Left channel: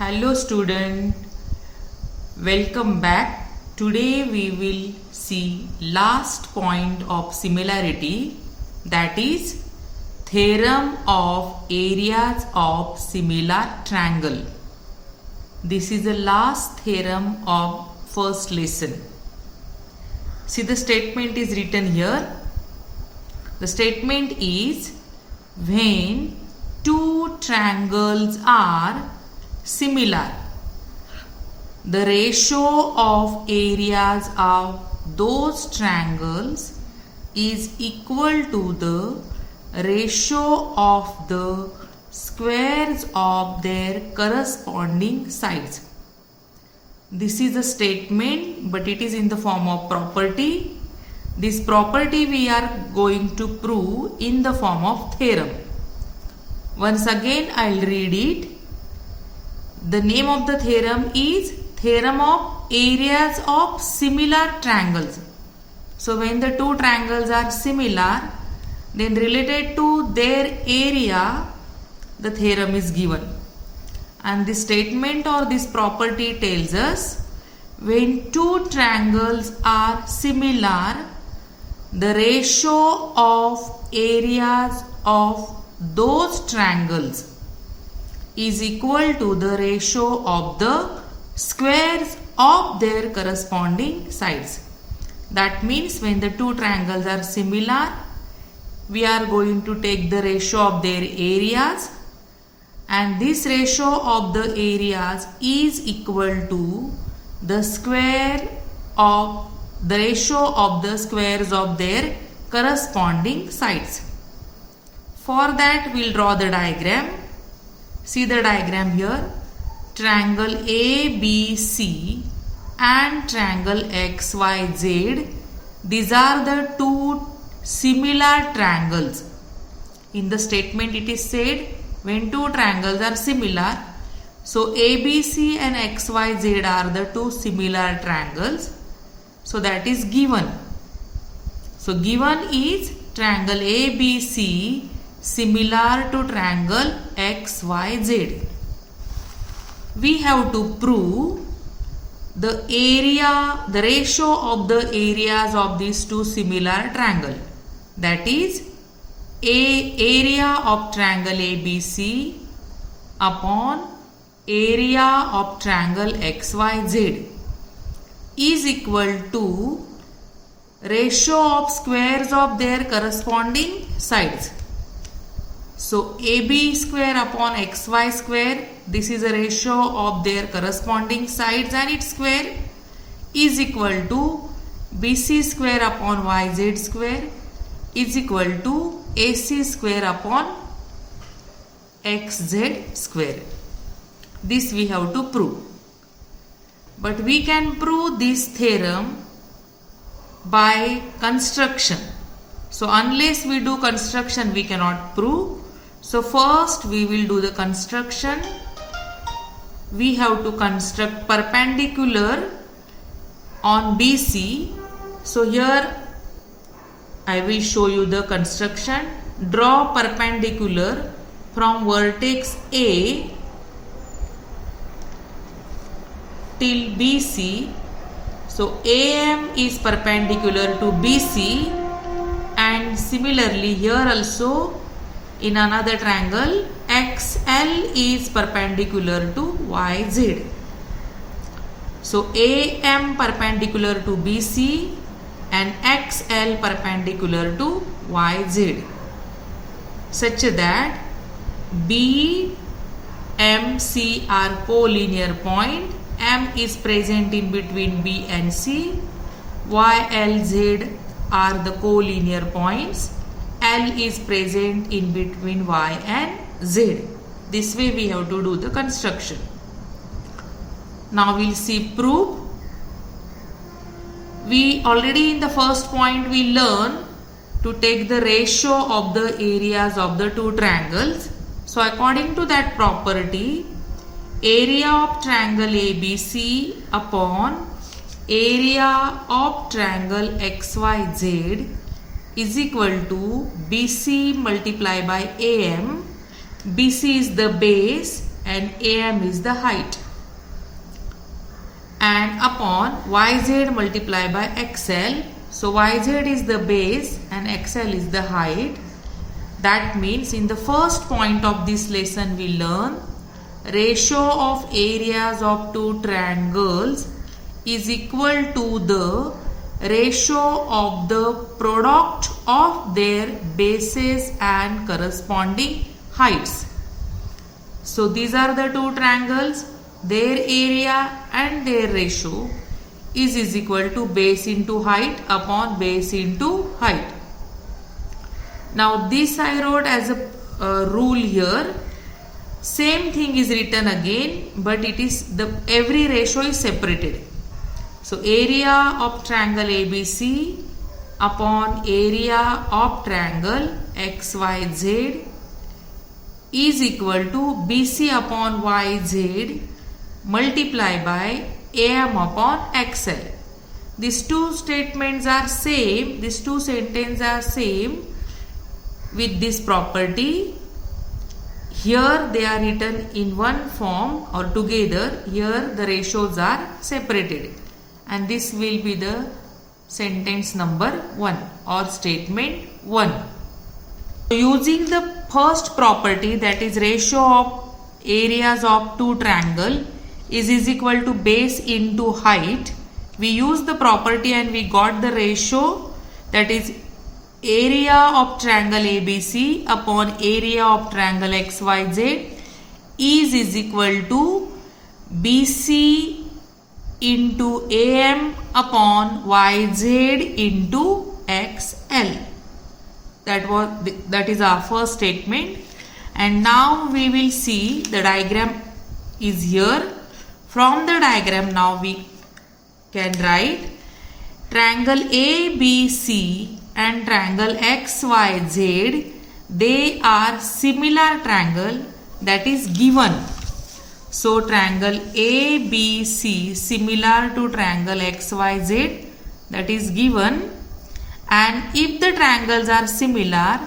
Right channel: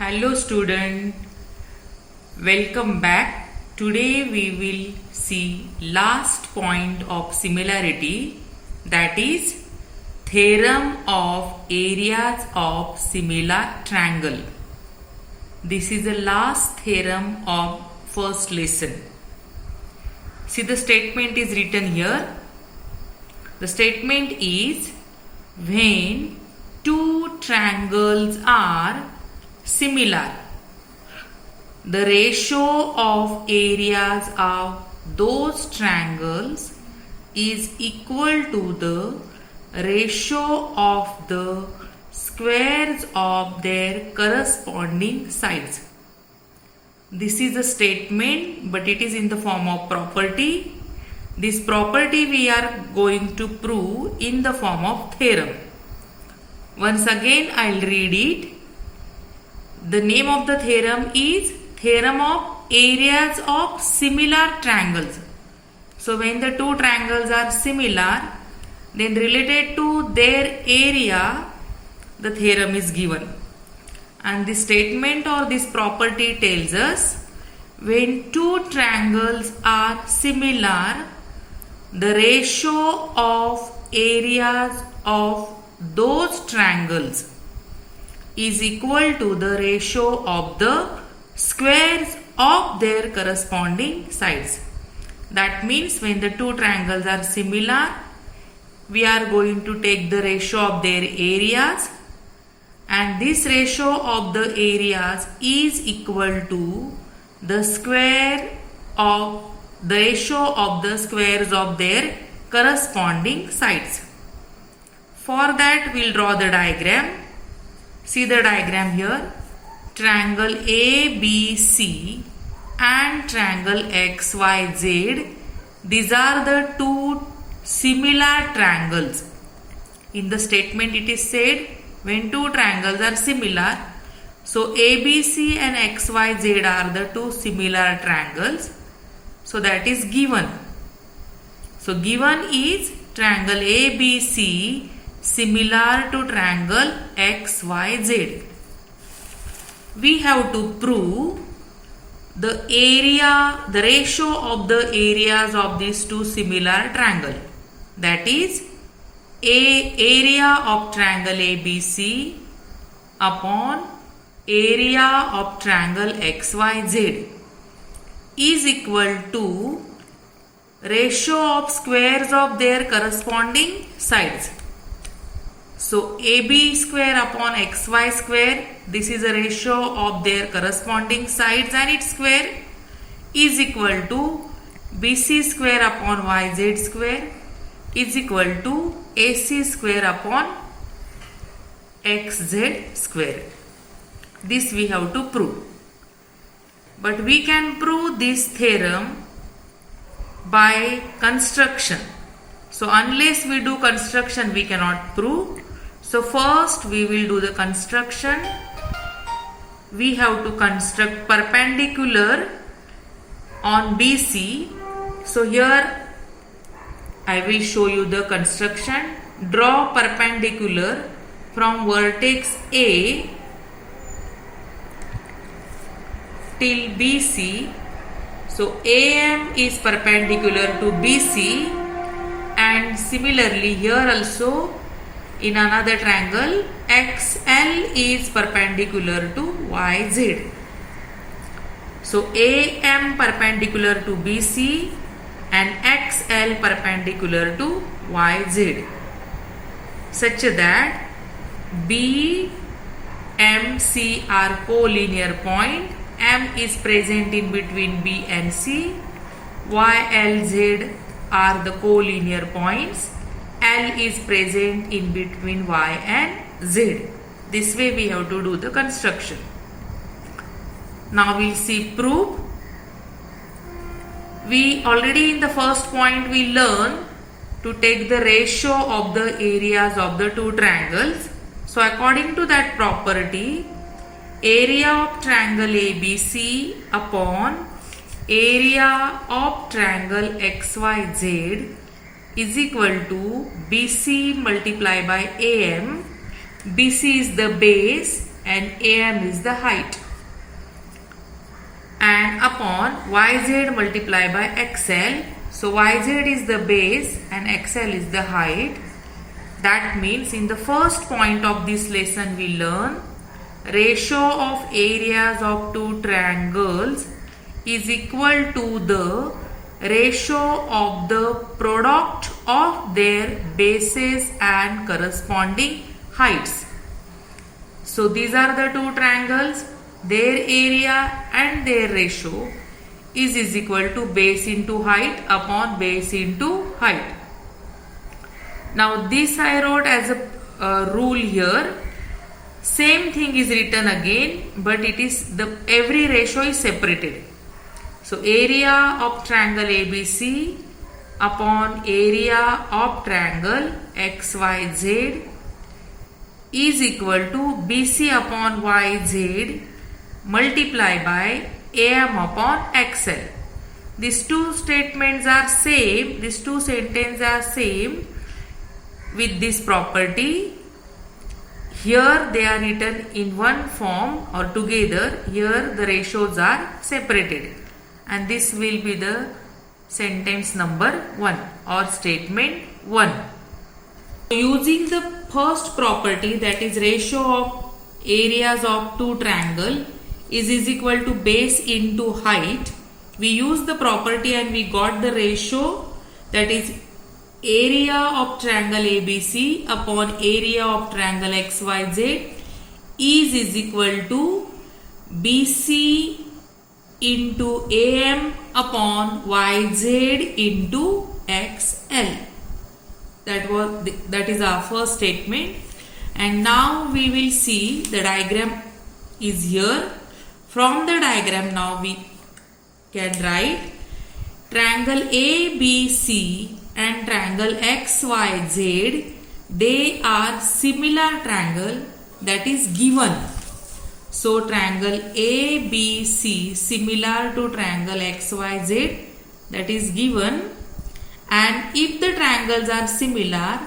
Hello student, welcome back. Today we will see last point of similarity, that is theorem of areas of similar triangle. This is the last theorem of first lesson. See, the statement is written here. The statement is when two triangles are similar, the ratio of areas of those triangles is equal to the ratio of the squares of their corresponding sides. This is a statement, but it is in the form of property. This property we are going to prove in the form of theorem. Once again I will read it. The name of the theorem is theorem of areas of similar triangles. So when the two triangles are similar, then related to their area, the theorem is given. And this statement or this property tells us when two triangles are similar, the ratio of areas of those triangles is equal to the ratio of the squares of their corresponding sides. That means when the two triangles are similar, we are going to take the ratio of their areas, and this ratio of the areas is equal to the square of the ratio of the squares of their corresponding sides. For that we will draw the diagram. See the diagram here. Triangle ABC and triangle XYZ. These are the two similar triangles. In the statement it is said when two triangles are similar. So ABC and XYZ are the two similar triangles. So that is given. So given is triangle ABC similar to triangle XYZ. We have to prove the area, the ratio of the areas of these two similar triangles. That is area of triangle ABC upon area of triangle XYZ is equal to ratio of squares of their corresponding sides. So AB square upon XY square, this is a ratio of their corresponding sides and its square, is equal to BC square upon YZ square is equal to AC square upon XZ square. This we have to prove. But we can prove this theorem by construction. So unless we do construction, we cannot prove. So first we will do the construction. We have to construct perpendicular on BC. So here I will show you the construction. Draw perpendicular from vertex A till BC. So AM is perpendicular to BC, and similarly here also in another triangle XL is perpendicular to YZ. So AM perpendicular to BC and XL perpendicular to YZ, such that B, M, C are collinear point. M is present in between B and C. Y, L, Z are the collinear points. L is present in between Y and Z. This way we have to do the construction. Now we will see proof. We already in the first point we learn to take the ratio of the areas of the two triangles. So according to that property, area of triangle ABC upon area of triangle XYZ is equal to BC multiplied by AM. BC is the base and AM is the height, and upon YZ multiplied by XL. So YZ is the base and XL is the height. That means in the first point of this lesson we learn ratio of areas of two triangles is equal to the ratio of the product of their bases and corresponding heights. So these are the two triangles, their area and their ratio is equal to base into height upon base into height. Now this I wrote as a rule here. Same thing is written again, but it is every ratio is separated. So area of triangle ABC upon area of triangle XYZ is equal to BC upon YZ multiplied by AM upon XL. These two statements are same, these two sentences are same with this property. Here they are written in one form or together. Here the ratios are separated, and this will be the sentence number 1 or statement 1. Using the first property, that is ratio of areas of two triangle is equal to base into height, we use the property and we got the ratio, that is area of triangle ABC upon area of triangle XYZ is equal to BC into AM upon YZ into XL. That is our first statement. And now we will see the diagram is here. From the diagram now we can write triangle ABC and triangle XYZ, they are similar triangle, that is given. So triangle ABC similar to triangle XYZ, that is given, and if the triangles are similar,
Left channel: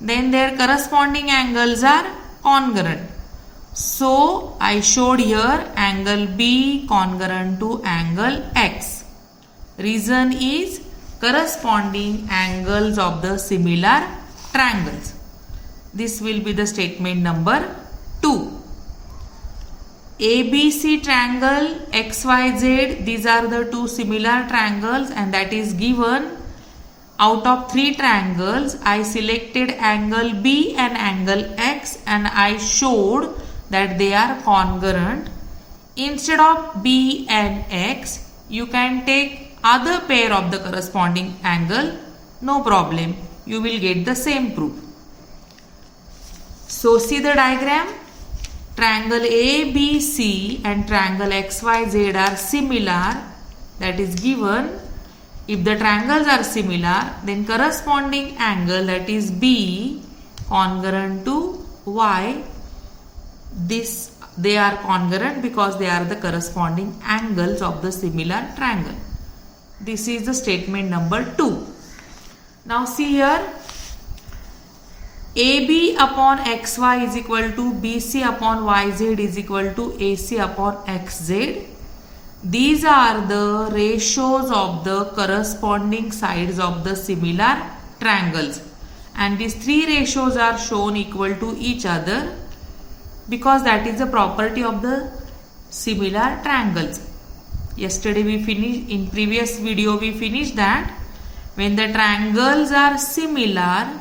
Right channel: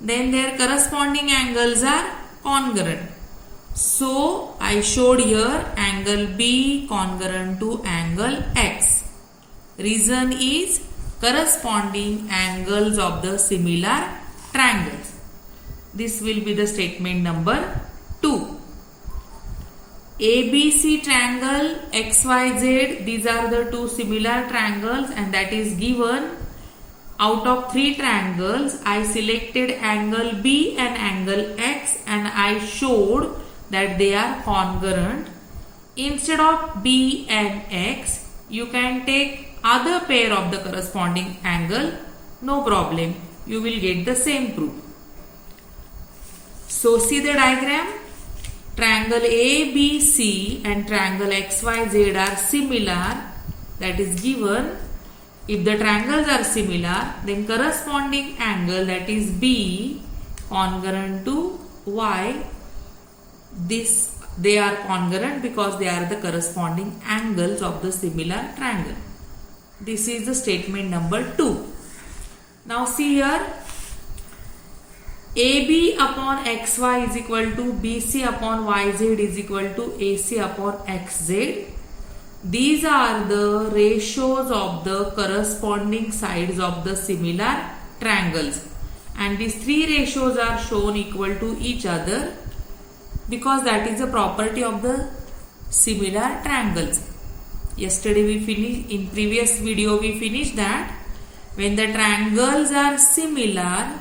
then their corresponding angles are congruent. So I showed here angle B congruent to angle X. Reason is corresponding angles of the similar triangles. This will be the statement number 2. ABC triangle XYZ, these are the two similar triangles, and that is given. Out of 3 triangles, I selected angle B and angle X, and I showed that they are congruent. Instead of B and X, you can take other pair of the corresponding angle, no problem, you will get the same proof. So see the diagram, triangle ABC and triangle XYZ are similar, that is given. If the triangles are similar, then corresponding angle, that is B congruent to Y, they are congruent because they are the corresponding angles of the similar triangle. This is the statement number 2. Now see here, AB upon XY is equal to BC upon YZ is equal to AC upon XZ. These are the ratios of the corresponding sides of the similar triangles, and these 3 ratios are shown equal to each other because that is a property of the similar triangles. Yesterday we finished, in previous video we finished that when the triangles are similar,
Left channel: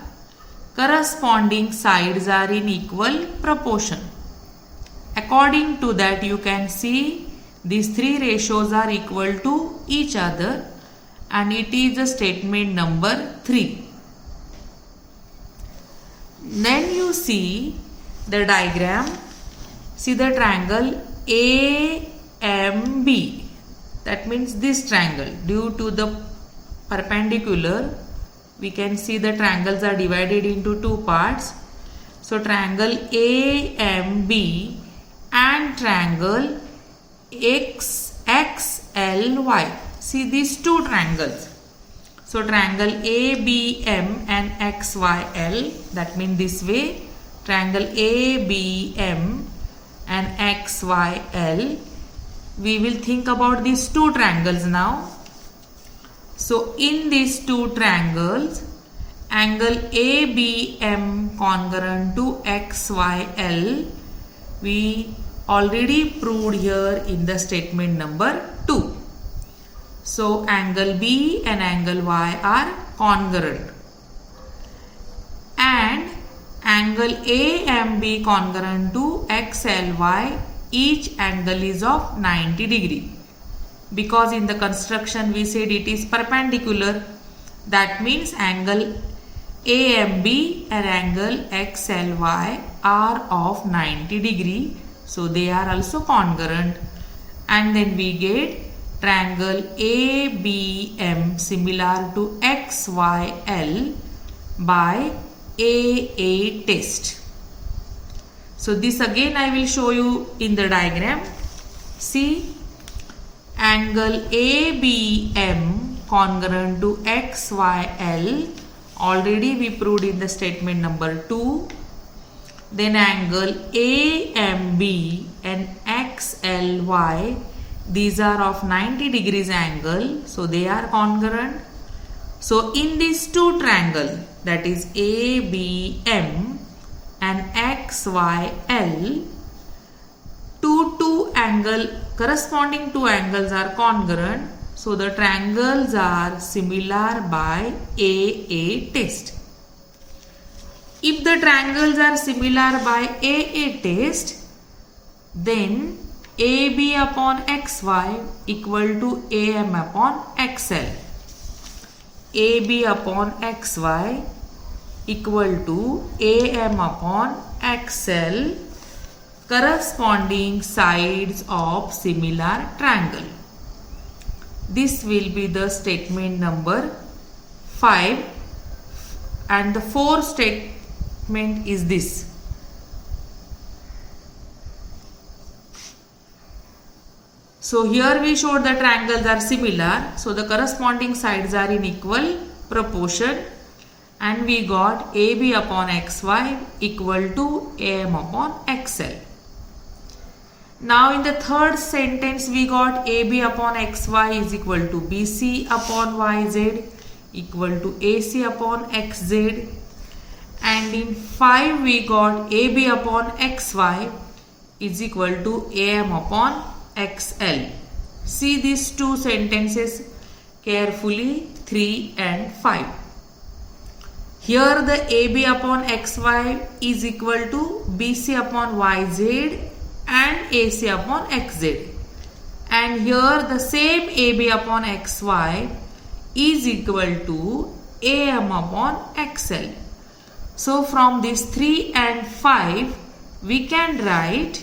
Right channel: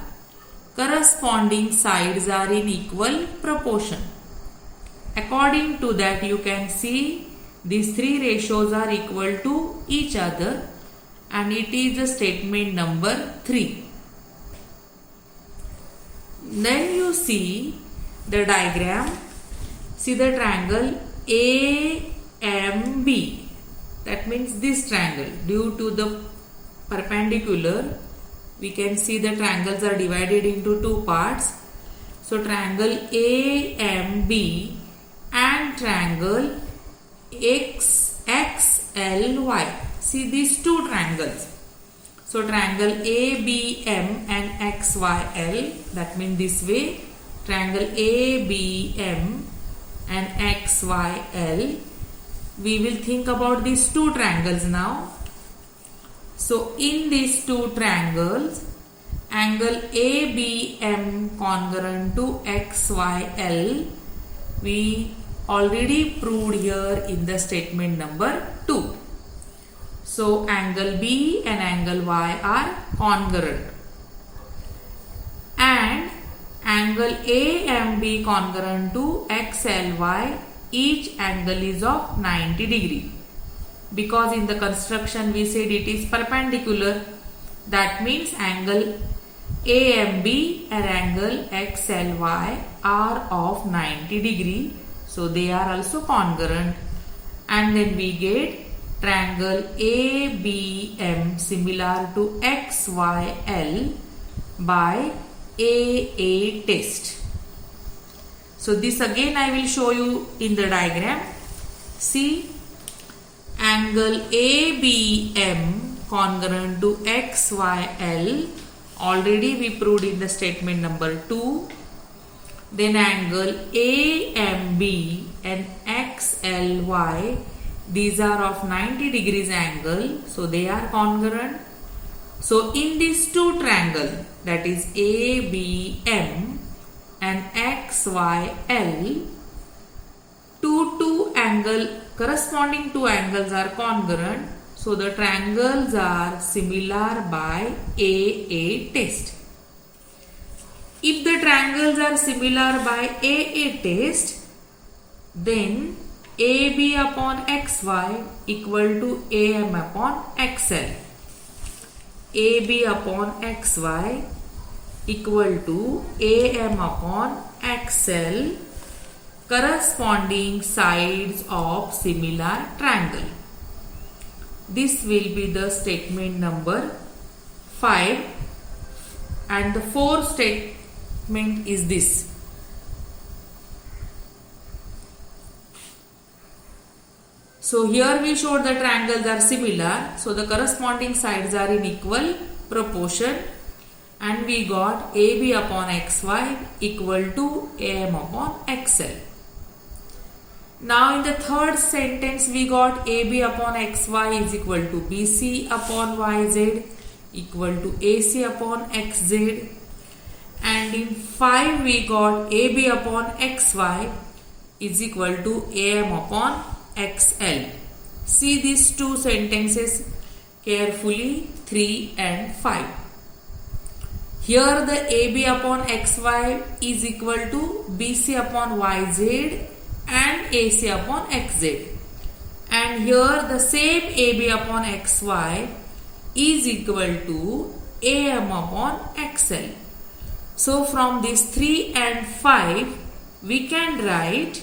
corresponding sides are in equal proportion. According to that, you can see these 3 ratios are equal to each other, and it is the statement number 3. Then you see the diagram, see the triangle AMB, that means this triangle. Due to the perpendicular, we can see the triangles are divided into 2 parts. So triangle AMB and triangle XXLY. See these 2 triangles. So triangle ABM and XYL, that means this way, triangle ABM and XYL. We will think about these two triangles now. So in these two triangles, angle ABM congruent to XYL, we already proved here in the statement number 2. So angle B and angle Y are congruent, and angle AMB congruent to XLY, each angle is of 90 degree. Because in the construction we said it is perpendicular, that means angle AMB and angle XLY are of 90 degree, so they are also congruent, and then we get triangle ABM similar to XYL by AA test. So this again I will show you in the diagram. See, angle ABM congruent to XYL, already we proved in the statement number 2. Then angle AMB and XLY, these are of 90 degrees angle, so they are congruent. So in these two triangles, that is ABM and XYL, corresponding two angles are congruent, so the triangles are similar by AA test. If the triangles are similar by AA test, then AB upon XY equal to AM upon XL. AB upon XY equal to AM upon XL, corresponding sides of similar triangle. This will be the statement number 5, and the fourth statement is this. So here we showed the triangles are similar, so the corresponding sides are in equal proportion, and we got AB upon XY equal to AM upon XL. Now in the third sentence we got AB upon XY is equal to BC upon YZ equal to AC upon XZ, and in 5 we got AB upon XY is equal to AM upon XL. See these two sentences carefully, 3 and 5. Here the AB upon XY is equal to BC upon YZ and AC upon XZ, and here the same AB upon XY is equal to AM upon XL. So from these 3 and 5 we can write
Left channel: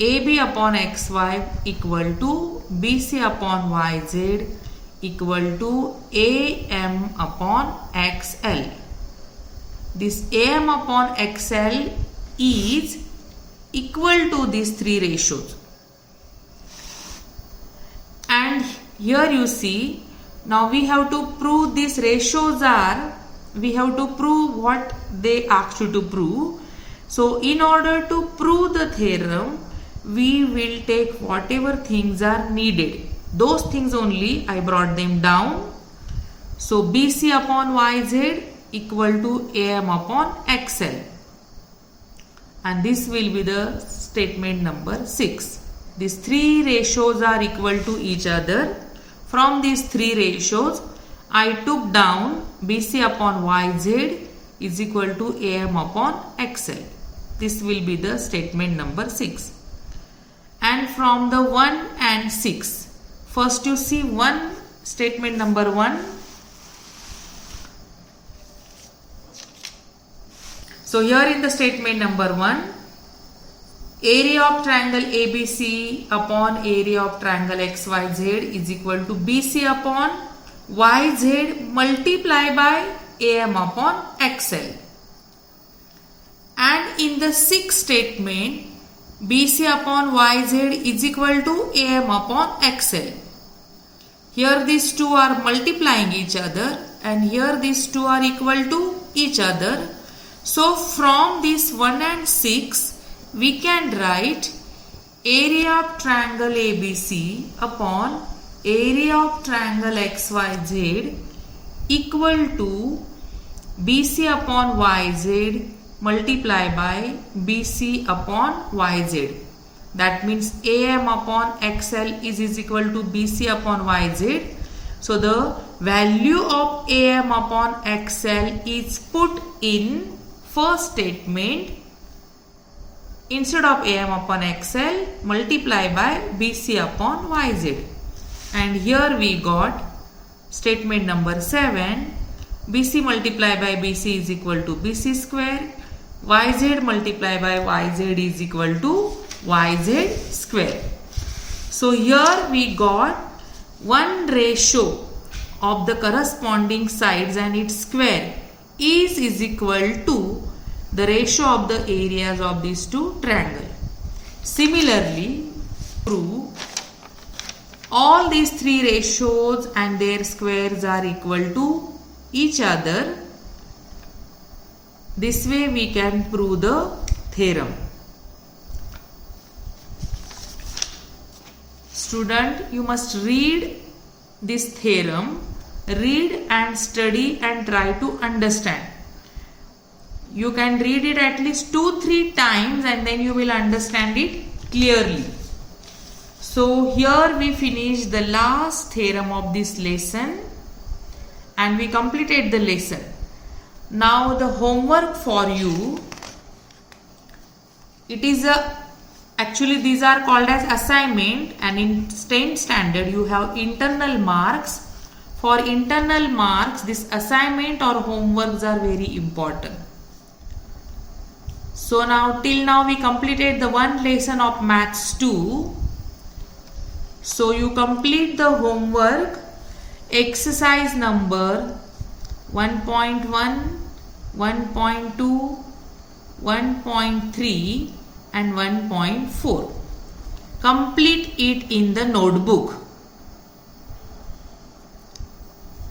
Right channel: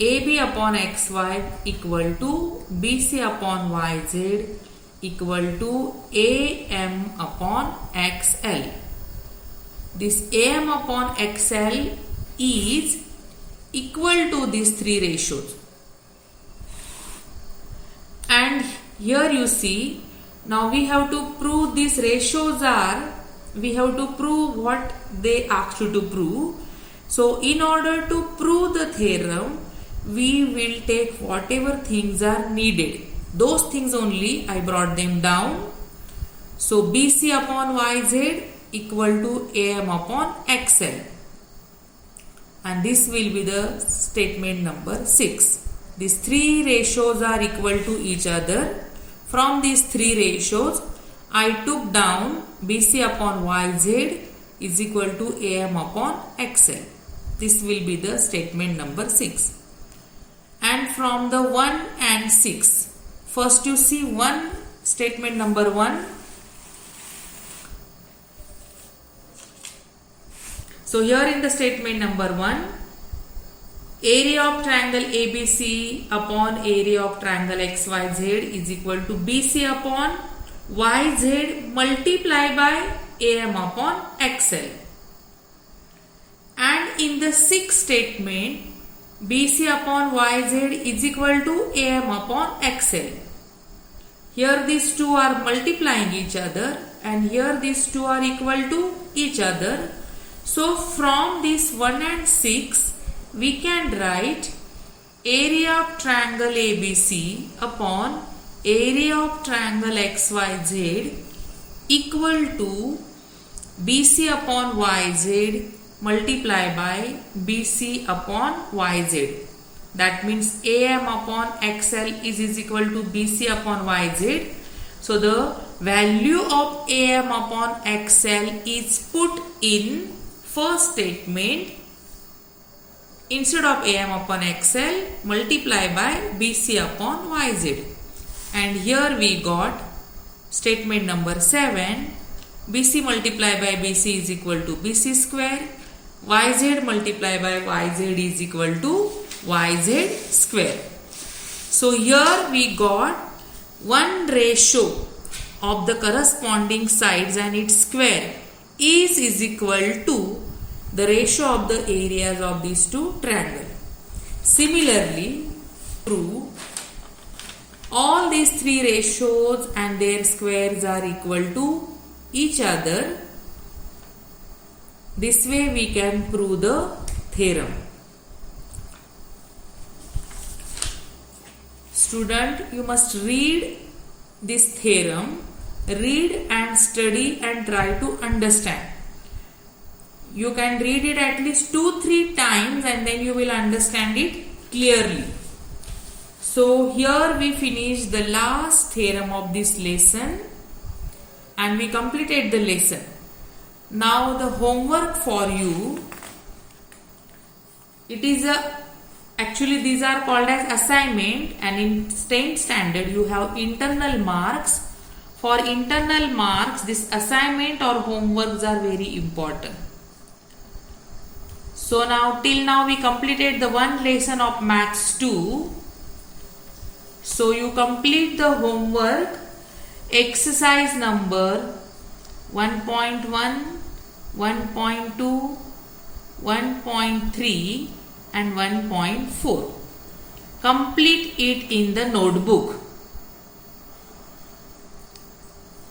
AB upon XY equal to BC upon YZ equal to AM upon XL. This AM upon XL is equal to these three ratios, and here you see, now we have to prove these ratios are, we have to prove what they ask you to prove. So in order to prove the theorem, we will take whatever things are needed. Those things only I brought them down. So BC upon YZ equal to AM upon XL, and this will be the statement number 6. These three ratios are equal to each other. From these three ratios, I took down BC upon YZ is equal to AM upon XL. This will be the statement number 6. And from the 1 and 6, first you see statement number 1. So here in the statement number 1, area of triangle ABC upon area of triangle XYZ is equal to BC upon YZ multiply by AM upon XL. And in the sixth statement, BC upon YZ is equal to AM upon XL. Here these two are multiplying each other, and here these two are equal to each other. So from this 1 and 6, we can write area of triangle ABC upon area of triangle XYZ equal to BC upon YZ multiply by BC upon YZ. That means AM upon XL is equal to BC upon YZ. So the value of AM upon XL is put in first statement. Instead of AM upon XL, multiply by BC upon YZ. And here we got statement number 7. BC multiply by BC is equal to BC square. YZ multiply by YZ is equal to YZ square. So here we got one ratio of the corresponding sides and its square is equal to the ratio of the areas of these two triangles. Similarly, prove all these three ratios and their squares are equal to each other. This way we can prove the theorem. Student, you must read this theorem, read and study and try to understand. You can read it at least 2-3 times and then you will understand it clearly. So here we finish the last theorem of this lesson and we completed the lesson. Now the homework for you, it is actually these are called as assignment, and in 10th standard you have internal marks. For internal marks, this assignment or homeworks are very important. So now till now we completed the one lesson of Maths 2. So you complete the homework, exercise number 1.1, 1.2, 1.3 and 1.4. Complete it in the notebook.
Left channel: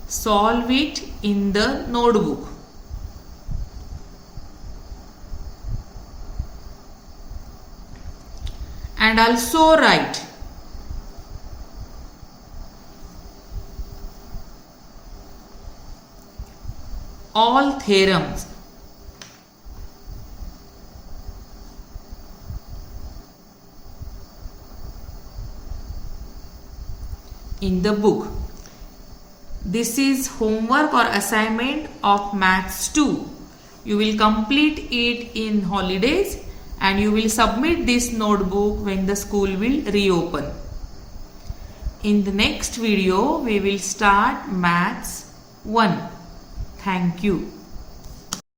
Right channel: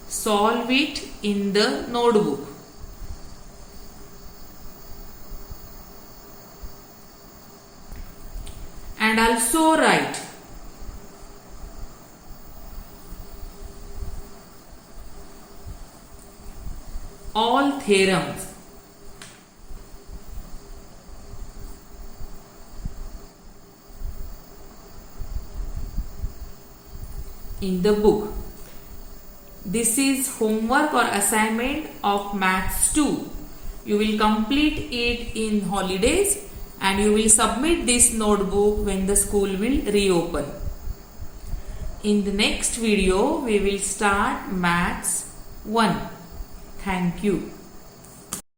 Solve it in the notebook. And also write all theorems in the book. This is homework or assignment of Maths 2. You will complete it in holidays and you will submit this notebook when the school will reopen. In the next video, we will start Maths 1. Thank you.